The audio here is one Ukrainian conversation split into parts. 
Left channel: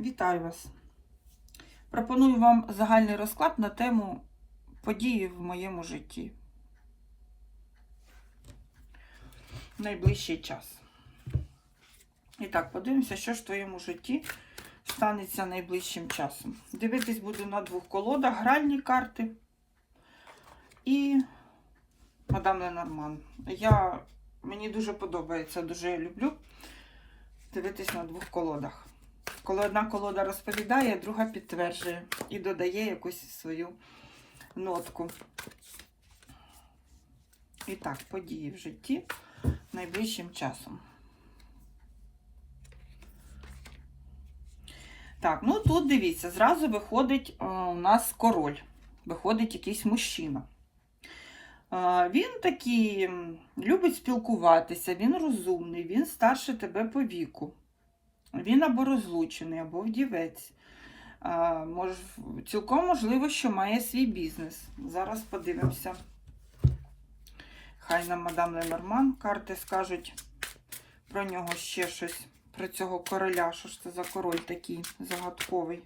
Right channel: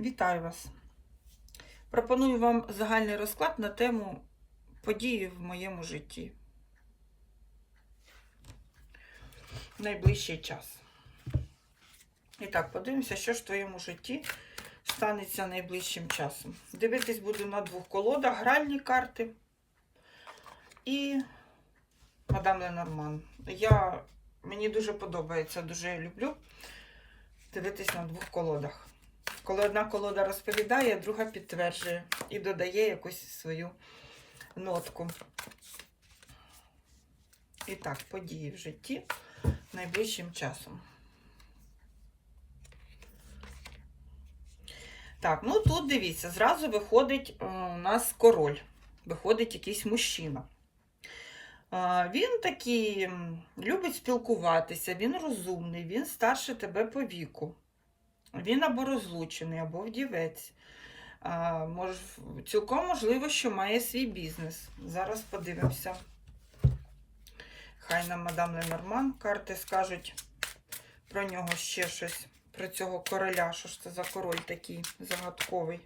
Вітаю вас! Пропоную вам загальний розклад на тему події в моєму житті. Найближчий час. І так, подивимося, що ж в твоєму житті станеться найближчим часом. Дивитись буду на двох колодах, гральні карти і мадам Ленорман. Я, мені дуже подобається, дуже люблю дивитись на двох колодах. Коли одна колода розповідає, друга підтверджує і додає якусь свою нотку. І так, події в житті найближчим часом. Так, ну тут дивіться, зразу виходить о, у нас король, виходить якийсь мужчина. А, Він такий любить спілкуватися, він розумний, він старше тебе по віку. Він або розлучений, або вдівець. А, мож, цілком можливо, що має свій бізнес. Зараз подивимося. Хай нам мадам Ленорман карти скажуть про нього ще щось, про цього короля. Що ж це за король такий загадковий?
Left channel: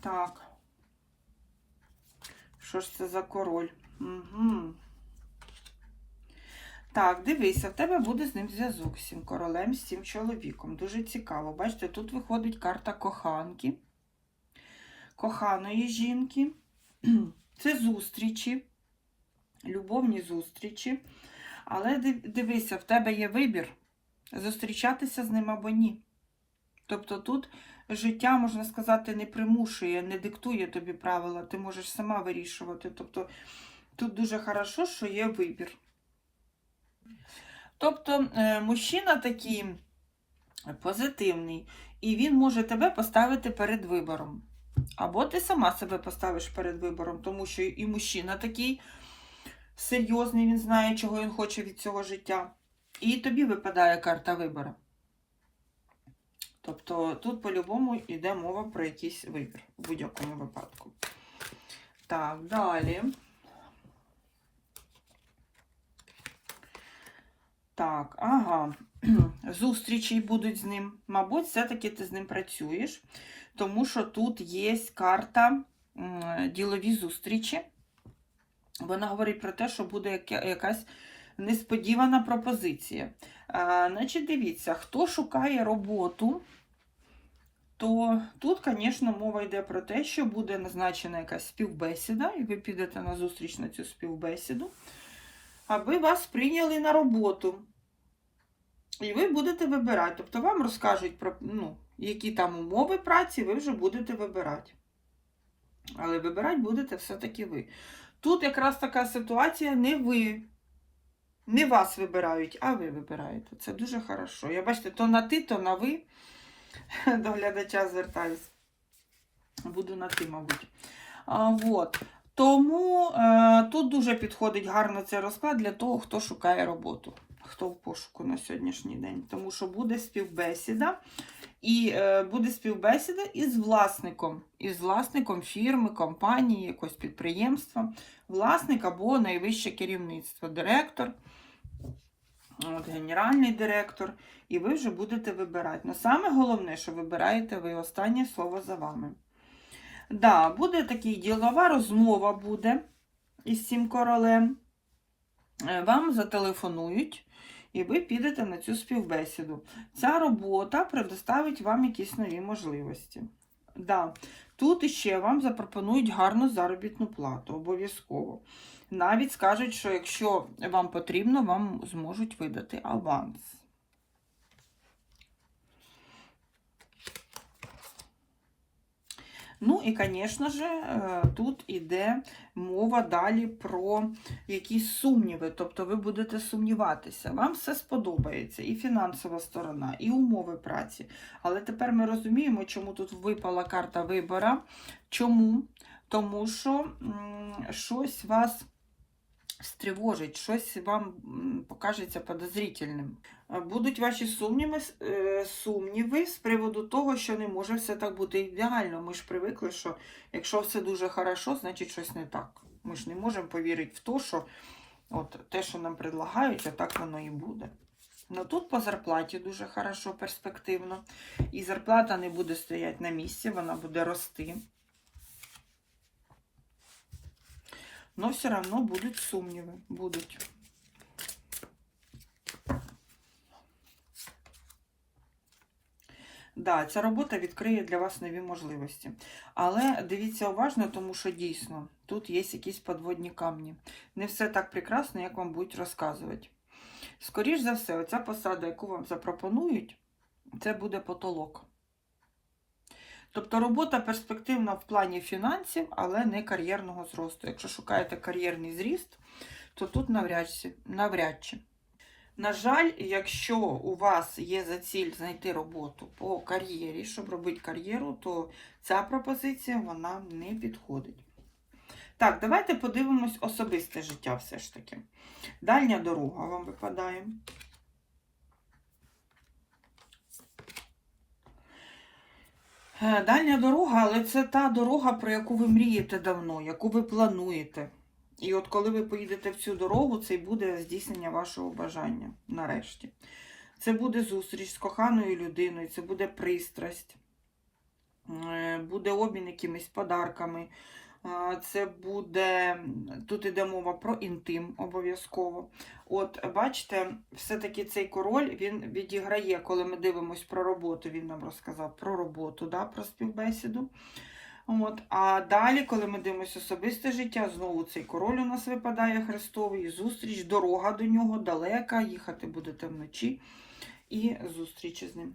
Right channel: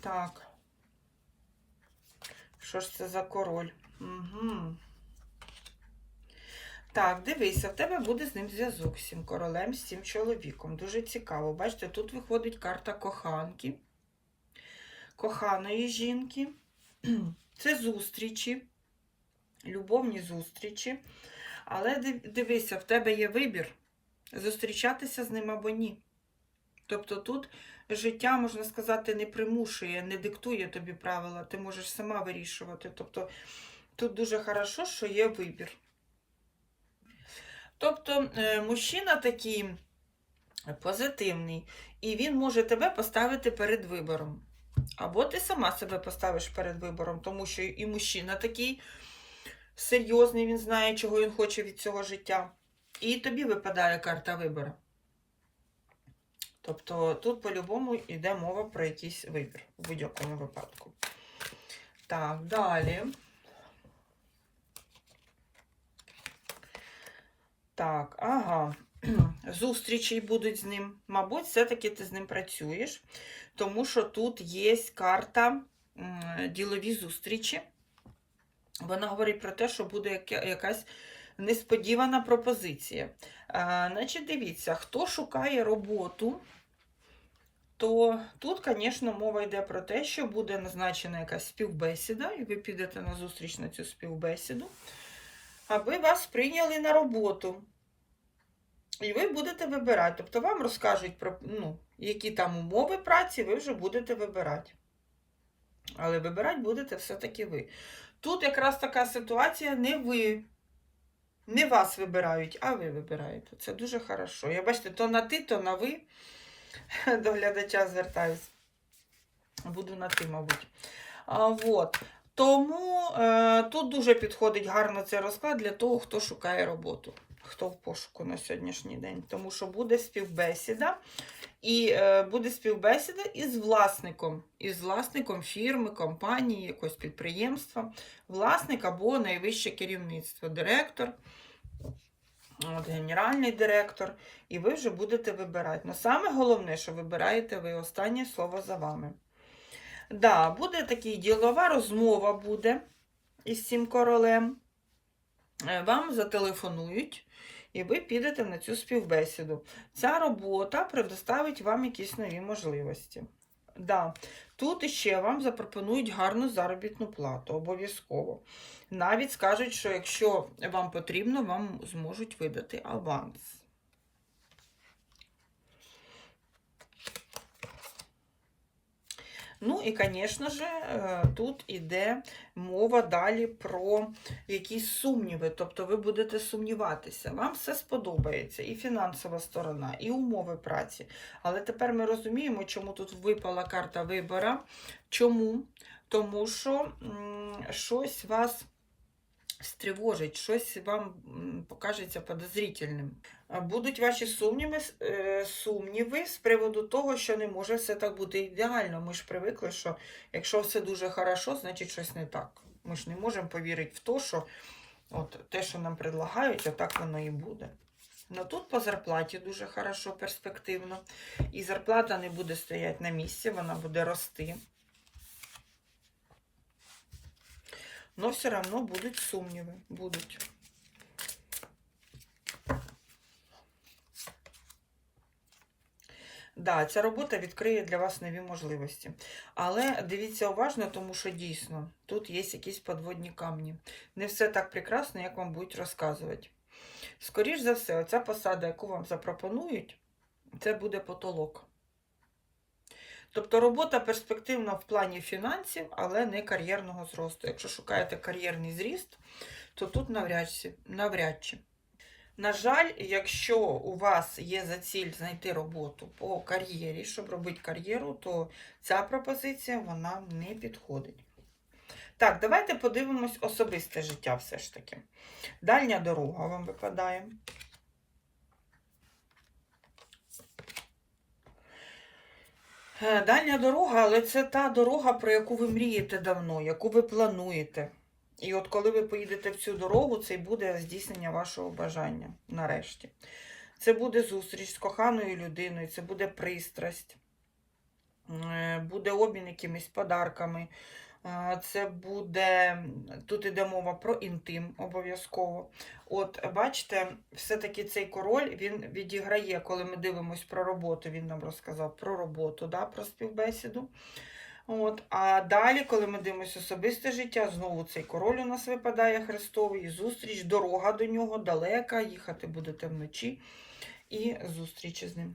Так. Що ж це за король? Угу. Так, дивися, в тебе буде з ним зв'язок з цим королем, з цим чоловіком. Дуже цікаво. Бачите, тут виходить карта коханки, коханої жінки. Це зустрічі, любовні зустрічі. Але дивися, в тебе є вибір зустрічатися з ним або ні. Тобто тут життя, можна сказати, не примушує, не диктує тобі правила, ти можеш сама вирішувати. Тобто тут дуже хорошо, що є вибір. Тобто е, мужчина такий позитивний, і він може тебе поставити перед вибором. Або ти сама себе поставиш перед вибором, тому що і мужчина такий серйозний, він знає, чого він хоче від цього життя. І тобі випадає карта вибору. Тобто тут по-любому йде мова про якийсь вибір в будь-якому випадку. Так, далі. Так, ага. Зустрічі будуть з ним. Мабуть, все-таки ти з ним працюєш, тому що тут є карта ділові зустрічі. Вона говорить про те, що буде якась несподівана пропозиція. А, значить, дивіться, хто шукає роботу, то тут, звісно, мова йде про те, що буде назначена якась співбесіда, і ви підете на зустріч на цю співбесіду, аби вас прийняли на роботу. І ви будете вибирати. Тобто вам розкажуть про ну, які там умови праці, ви вже будете вибирати. Але вибирати будете все-таки ви. Тут якраз така ситуація, не ви. Не вас вибирають, а ви вибираєте. Це дуже хорошо. Я бачите, то на ти, то на ви. До глядача звертаюсь. Буду на ти, мабуть. А, вот. Тому е, тут дуже підходить гарно цей розклад для того, хто шукає роботу, хто в пошуку на сьогоднішній день. Тому що буде співбесіда, і е, буде співбесіда із власником, із власником фірми, компанії, якогось підприємства, власник або найвище керівництво, директор, от, генеральний директор, і ви вже будете вибирати. Но саме головне, що вибираєте ви останнє слово за вами. Да, буде такий ділова розмова буде із цим королем. Е, Вам зателефонують, і ви підете на цю співбесіду. Ця робота предоставить вам якісь нові можливості. Да. Тут іще вам запропонують гарну заробітну плату, обов'язково. Навіть скажуть, що якщо вам потрібно, вам зможуть видати аванс. Ну і, звісно ж, е, тут іде мова далі про якісь сумніви. Тобто ви будете сумніватися. Вам все сподобається, і фінансова сторона, і умови праці. Але тепер ми розуміємо, чому тут випала карта вибора. Чому? Тому що м, щось вас стривожить, щось вам покажеться подозрительним. Будуть ваші сумніви, е, сумніви з приводу того, що не може все так бути ідеально. Ми ж привикли, що якщо все дуже хорошо, значить щось не так. Ми ж не можемо повірити в те, що от те, що нам предлагають, а так воно і буде. Ну тут по зарплаті дуже хорошо, перспективно. І зарплата не буде стояти на місці, вона буде рости. Но все одно будуть сумніви. Будуть. Да, ця робота відкриє для вас нові можливості. Але дивіться уважно, тому що дійсно тут є якісь подводні камні. Не все так прекрасно, як вам будуть розказувати. Скоріш за все, оця посада, яку вам запропонують, це буде потолок. Тобто робота перспективна в плані фінансів, але не кар'єрного зросту. Якщо шукаєте кар'єрний зріст, то тут навряд чи. навряд чи. На жаль, якщо у вас є за ціль знайти роботу по кар'єрі, щоб робити кар'єру, то ця пропозиція вона не підходить. Так, давайте подивимось особисте життя все ж таки. Дальня дорога вам випадає. Дальня дорога, але це та дорога, про яку ви мрієте давно, яку ви плануєте. І от коли ви поїдете в цю дорогу, це й буде здійснення вашого бажання нарешті. Це буде зустріч з коханою людиною, це буде пристрасть, е, буде обмін якимись подарками. Це буде, тут іде мова про інтим обов'язково. От, бачите, все-таки цей король він відіграє, коли ми дивимося про роботу, він нам розказав про роботу, да, про співбесіду. От, а далі, коли ми дивимося особисте життя, знову цей король у нас випадає Христовий, зустріч, дорога до нього далека, їхати будете вночі і зустріч з ним.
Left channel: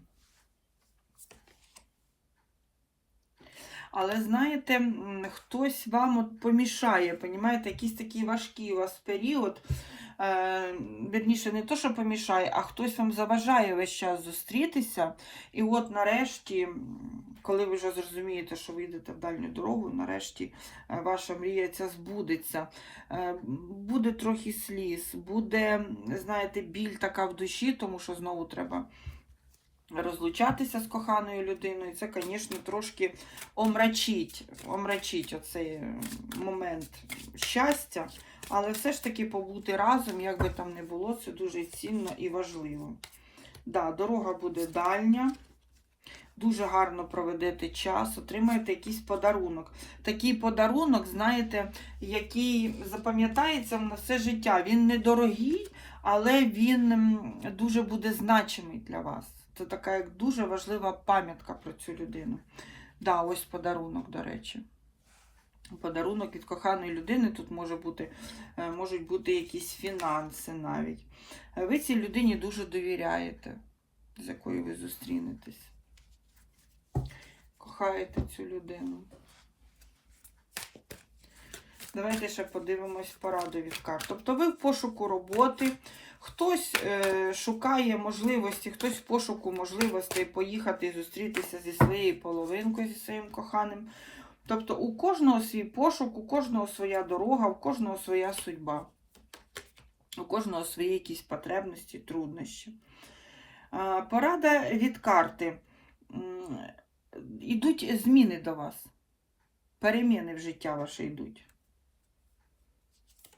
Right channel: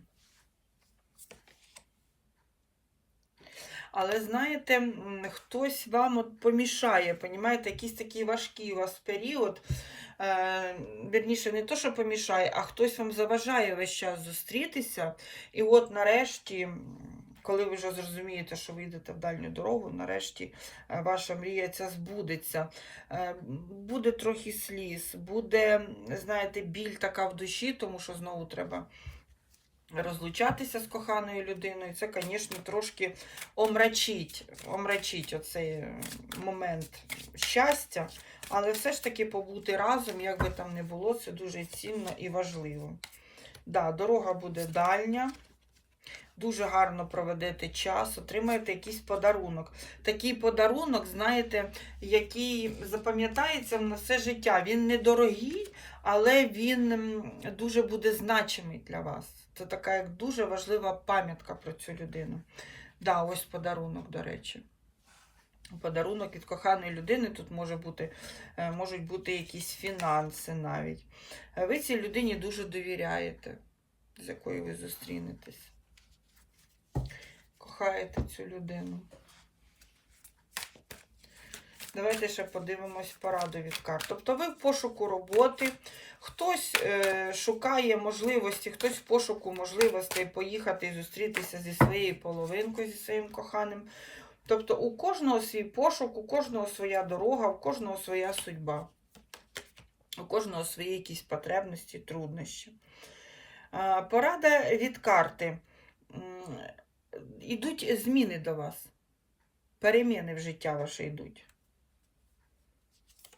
Але знаєте, хтось вам от помішає, понімаєте, якийсь такий важкий у вас період. Е, Вірніше, не то, що помішає, а хтось вам заважає весь час зустрітися. І от нарешті, коли ви вже зрозумієте, що ви йдете в дальню дорогу, нарешті е, ваша мрія ця збудеться. Е, Буде трохи сліз, буде, знаєте, біль така в душі, тому що знову треба розлучатися з коханою людиною. Це, звісно, трошки омрачить, омрачить оцей е, момент щастя. Але все ж таки побути разом, як би там не було, це дуже цінно і важливо. Да, дорога буде дальня. Дуже гарно проведете час, отримаєте якийсь подарунок. Такий подарунок, знаєте, який запам'ятається на все життя. Він недорогий, але він дуже буде значимий для вас. Це така як дуже важлива пам'ятка про цю людину. Да, ось подарунок, до речі. Подарунок від коханої людини тут може бути, е, можуть бути якісь фінанси навіть. Е, Ви цій людині дуже довіряєте, з якою ви зустрінетесь. Кохаєте цю людину. Давайте ще подивимось пораду від карт. Тобто ви в пошуку роботи, хтось е, шукає можливості, хтось в пошуку можливостей поїхати і зустрітися зі своєю половинкою, зі своїм коханим. Тобто у кожного свій пошук, у кожного своя дорога, у кожного своя судьба, у кожного свої якісь потребності, труднощі. Порада від карти. М, Ідуть зміни до вас. Переміни в життя ваше йдуть.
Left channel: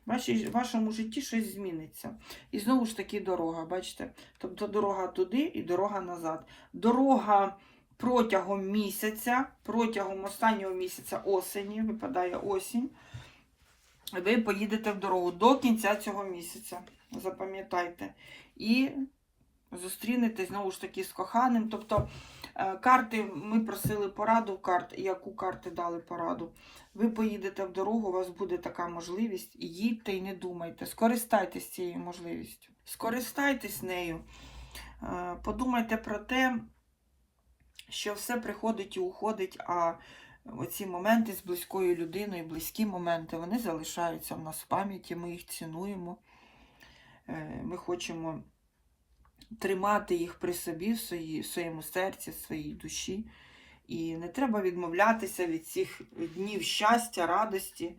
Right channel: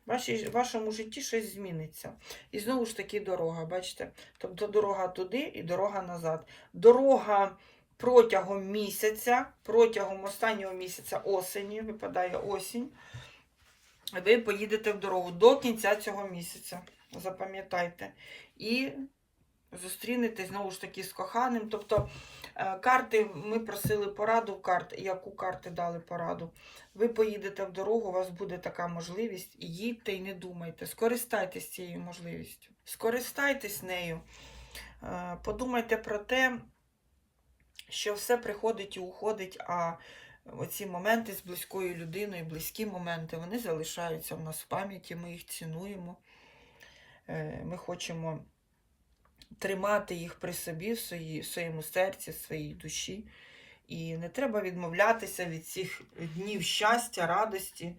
В вашому житті щось зміниться. І знову ж таки дорога, бачите? Тобто дорога туди і дорога назад. Дорога протягом місяця, протягом останнього місяця осені, випадає осінь, ви поїдете в дорогу до кінця цього місяця. Запам'ятайте. І зустрінетесь знову ж таки з коханим. Тобто карти, ми просили пораду карт, яку карти дали пораду. Ви поїдете в дорогу, у вас буде така можливість. Їдьте і не думайте. Скористайтесь цією можливістю. Скористайтесь нею. Е, Подумайте про те, що все приходить і уходить, а оці моменти з близькою людиною, близькі моменти, вони залишаються в нас в пам'яті, ми їх цінуємо. Е, Ми хочемо тримати їх при собі, в своїй- в своєму серці, в своїй душі. І не треба відмовлятися від цих днів щастя, радості,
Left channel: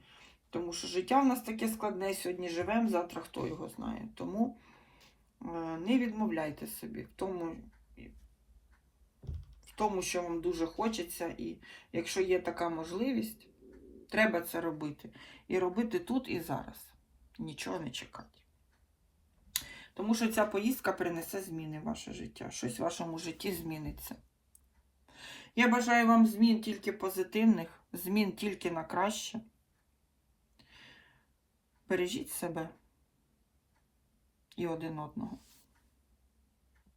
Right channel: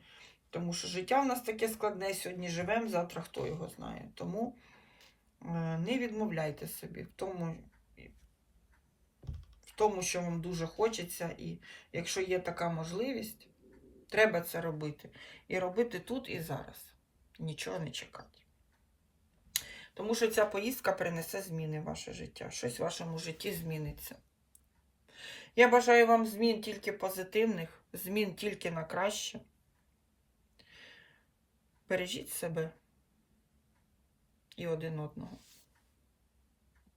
тому що життя в нас таке складне. Сьогодні живемо, завтра хто його знає. Тому е, не відмовляйте собі в тому, в тому, що вам дуже хочеться, і якщо є така можливість, треба це робити. І робити тут і зараз. Нічого не чекати. Тому що ця поїздка принесе зміни в ваше життя. Щось в вашому житті зміниться. Я бажаю вам змін тільки позитивних, змін тільки на краще. Бережіть себе і один одного.